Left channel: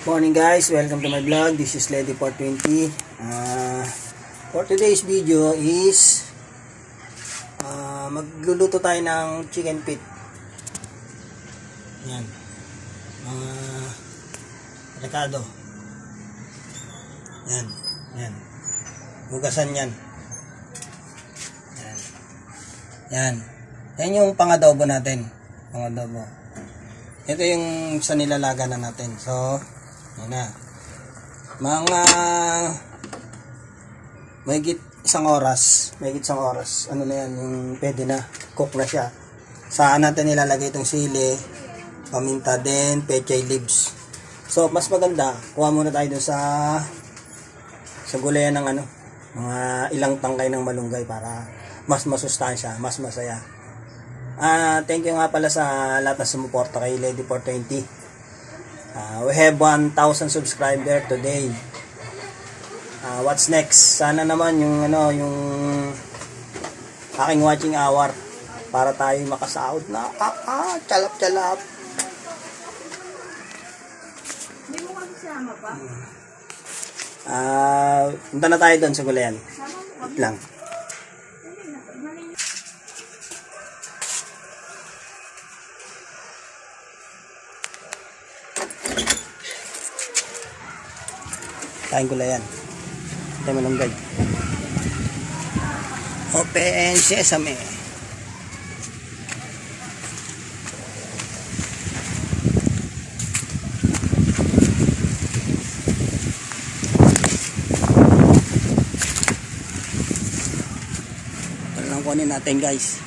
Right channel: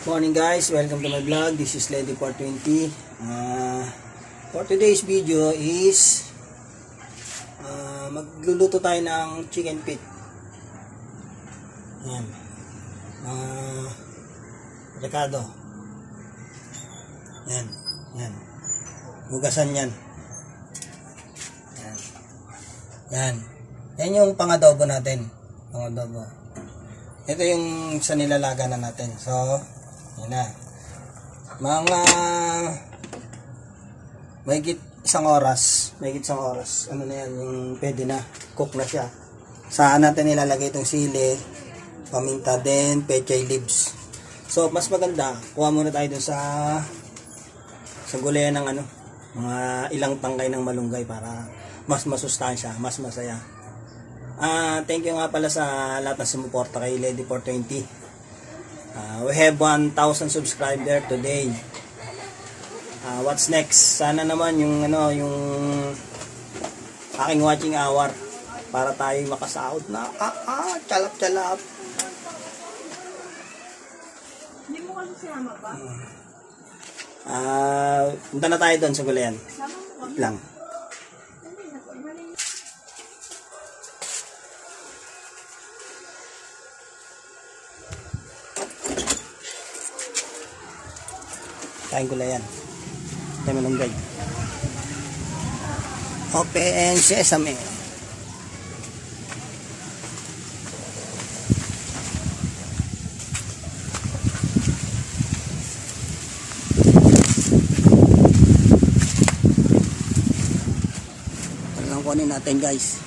Morning guys, welcome to my vlog. This is Lady 420. For today's video is magluluto tayo ng chicken feet. Yan. Rekado. Yan. Yan. Hugasan yan. Yan. Yan. Yan yung pang-adobo natin. Pang-adobo. Ito yung sa nilalaga na natin. So, yan na. Mga mahigit isang oras. Ano na yan, yung pwede na. Cook na siya. Saan natin nilalagay itong sili, paminta din, pechay leaves. So, mas maganda. Kuha muna tayo dun sa gulayan ng mga ilang tangkay ng malunggay para mas masustansya, mas masaya. Thank you nga pala sa lahat na sumuporta kay Lady 420. We have 1,000 subscriber today. What's next? Sana naman yung aking watching hour para tayo makasahod na chalap-chalap. Hindi mo kasi sama pa? Punta na tayo doon sa gulayan. Wait lang. Kain gulayan. Tayo malunggay. Open sesame. Ano lang kunin natin guys.